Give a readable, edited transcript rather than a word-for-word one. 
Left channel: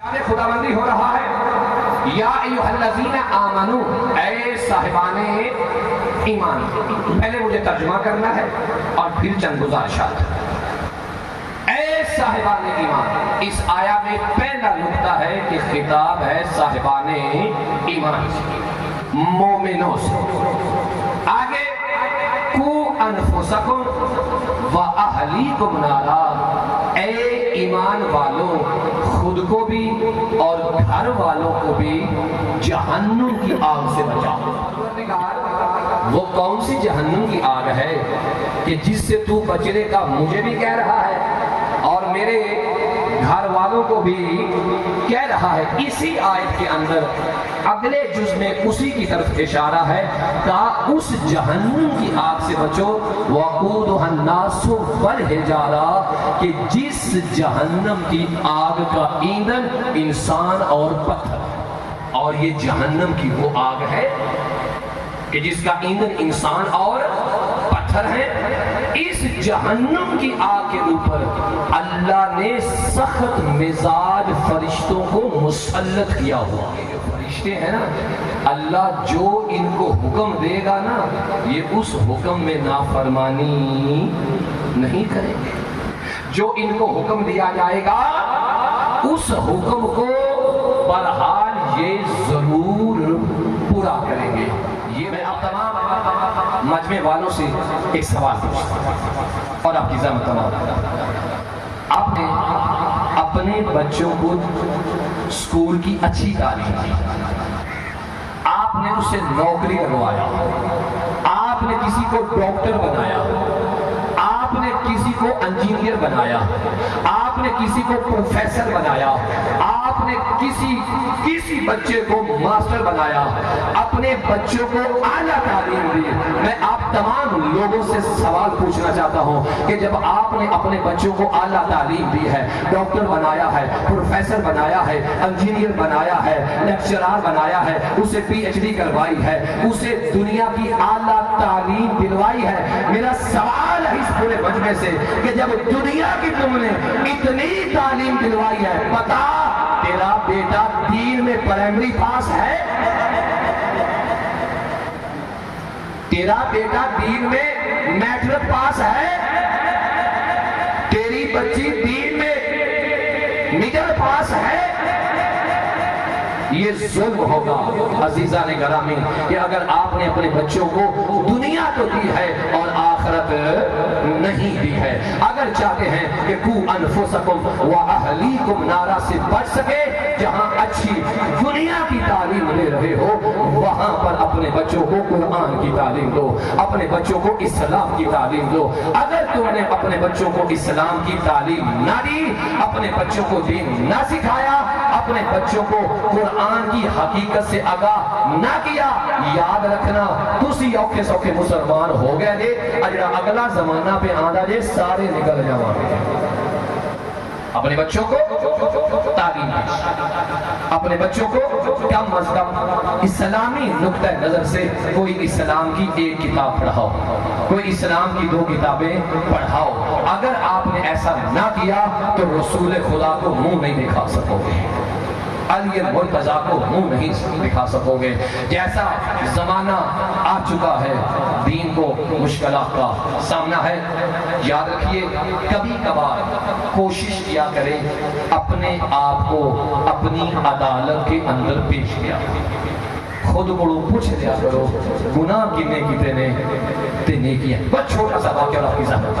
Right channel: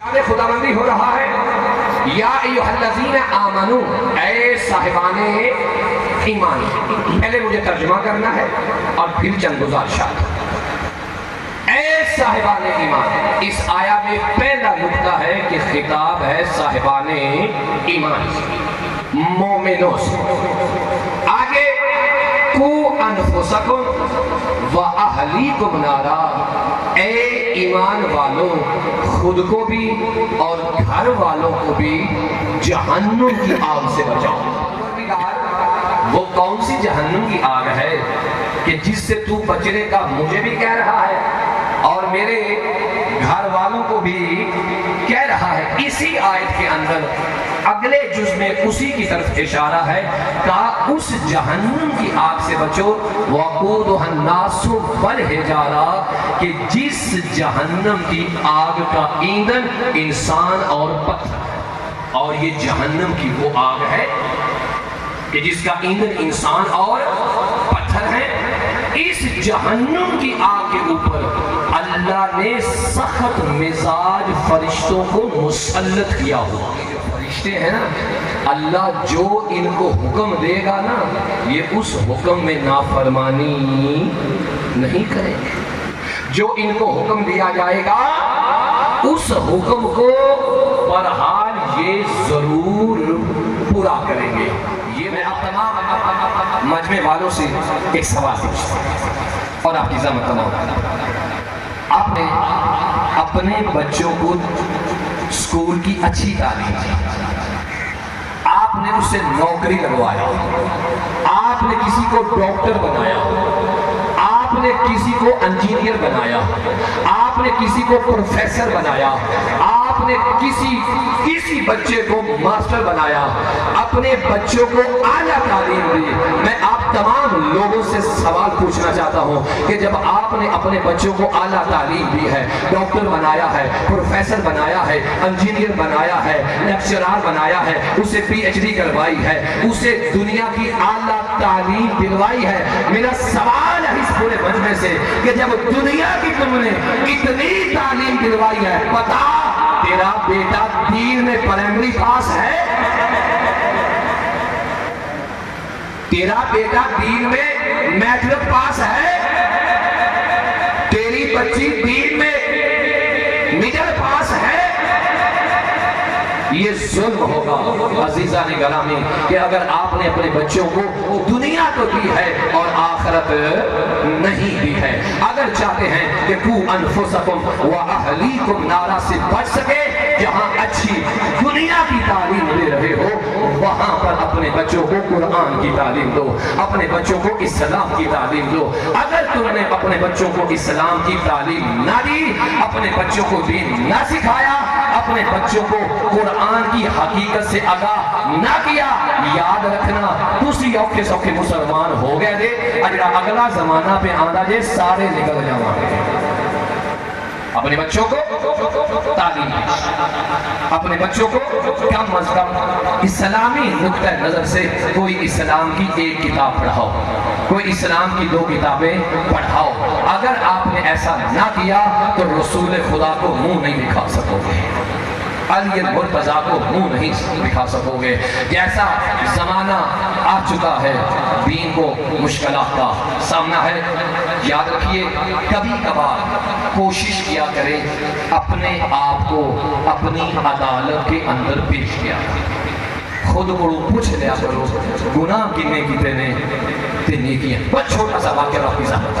خداوندی ہو رہا ہے یا ایھا الذین آمنو، اے صاحبان ایمان۔ پہلے مجھے ترجمہ کرنا ہے اور پھر چند گزارشات۔ اے صاحبان ایمان، اس آیا میں پہلا نقطہ ہے کہ خطاب ہے صاحبان ایمان، مومنوں سے۔ آگے قو انفسکم و اہلیکم نارا، اے ایمان والو خود کو بھی اور گھر والوں کو بھی جہنم کی آگ سے بچاؤ۔ وہ کون سی جہنم کی آگ ہے کہ جس سے تو بچنے کا مجھے بھی کہہ رہا ہے اور میرے گھر والوں کو بھی کہہ رہا ہے؟ اسی آیت کے اندر اگلے جز میں اسی کی طرف اشارہ ہے، کہا اس جہنم کی آگ سے بچو، وَقُودُهَا النَّاسُ وَالْحِجَارَةُ، کہ جس جہنم کی آگ کا ایندھن انسان اور پتھر ہے۔ اور یہ جہنم کی وہ آگ ہے کہ جس کا ایندھن انسان اور پتھر ہے۔ اس جہنم کی آگ کے اوپر اللہ نے سخت مزاج فرشتوں کو مسلط کیا ہوا۔ فرشتے ہیں نا، اللہ جو ان کو حکم دے گا نا، یہ اس حکم میں نافرمانی نہیں کریں گے۔ جو ان کو حکم دیا جائے گا اس حکم کو بہرحال یہ ضرور پورا کریں گے۔ یہ میں آپ تمام مجمع والوں سے ایک سوال پوچھتا ہوں اور آپ کی ذمہ تمام، آپ نے اپنے بچوں کو اسکول کی اچھی تعلیم دی، آپ نے اسے نوکری لگوایا، آپ نے کسی کو ڈاکٹر بنایا، آپ نے کسی کو انجینئر بنایا، آپ نے کسی کو پروفیسر بنایا، آپ نے کسی بچے کو ماسٹر بنایا، اپنے بچوں کو اعلیٰ تعلیم دی۔ میں آپ تمام لوگوں سے سوال پوچھنا چاہتا ہوں کہ جب آپ نے اپنے بچوں کو اعلیٰ تعلیم دی ہے، ڈاکٹر بنایا ہے، پروفیسر بنایا ہے، انجینئر بنایا ہے، لیکچرار بنایا ہے، اسے پی ایچ ڈی کروائی ہے، اسے دنیا کی اعلیٰ تعلیم دلوائی ہے، میرا سوال ہے اس پورے مجمع سے کہ جب دنیا کی تم نے اتنی تعلیم دلوائی ہے، بتا تیرا بیٹا دین میں پرائمری پاس ہے؟ تیرا بیٹا دین میں میٹرک پاس ہے؟ تیری بچی دین میں مڈل پاس ہے؟ یہ ظلم ہوگا عزیزان گرامی کہ اگر آپ نے اپنے بچوں کو دنیا تو دی ہے اور آخرت نہیں دی ہے۔ اگر چاہتے ہیں کہ قُوْ أَنفُسَكُمْ وَأَهْلِيكُمْ نارا سے بچ سکے، جہاں اچھی دنیا کی تعلیم دے رہے ہو وہاں پر اپنے بچوں کو قرآن کی تعلیم دو، اپنے بچوں کو اسلام کی تعلیم دو۔ اگر تم نے اپنے بچوں کو اسلام کی تعلیم نہ دی، اپنے بچوں کو دین نہ سکھایا، اپنے بچوں کو قرآن کی حقیقت سے آگاہ نہ کیا، یاد رکھنا تسی اوکھے سوکھے مسلمان ہو گئے دے، اگلا زمانہ پہ آندہ جے سارے نکل جاواں۔ اپنے بچوں کو تعلیم دیں، اپنے بچوں کو کم از کم اسلامی نقطہ نظر سے کوئی اسلام کی ایک کتاب پڑھاؤ، کوئی اسلام کی 2 کتابیں پڑھاؤ۔ اگر آپ نے ایسا نہ کیا تو رسول خدا کو منہ نہیں دکھا سکو گے، علی المرتضیٰ کو منہ نہیں دکھا سکو گے۔ جیسا زمانہ آ چکا ہے، دین کو مشکلات کا سامنا ہے، یاد رکھیے کبھی کبھار کوشش کیا کریں اپنے آپ کو اپنی عدالت کے اندر پیش کیا، خود کو پوچھ لیا کرو گناہ کنے کیتے نے تے نیکیاں۔ بس چھوٹا سا واقعہ آپ کی ذات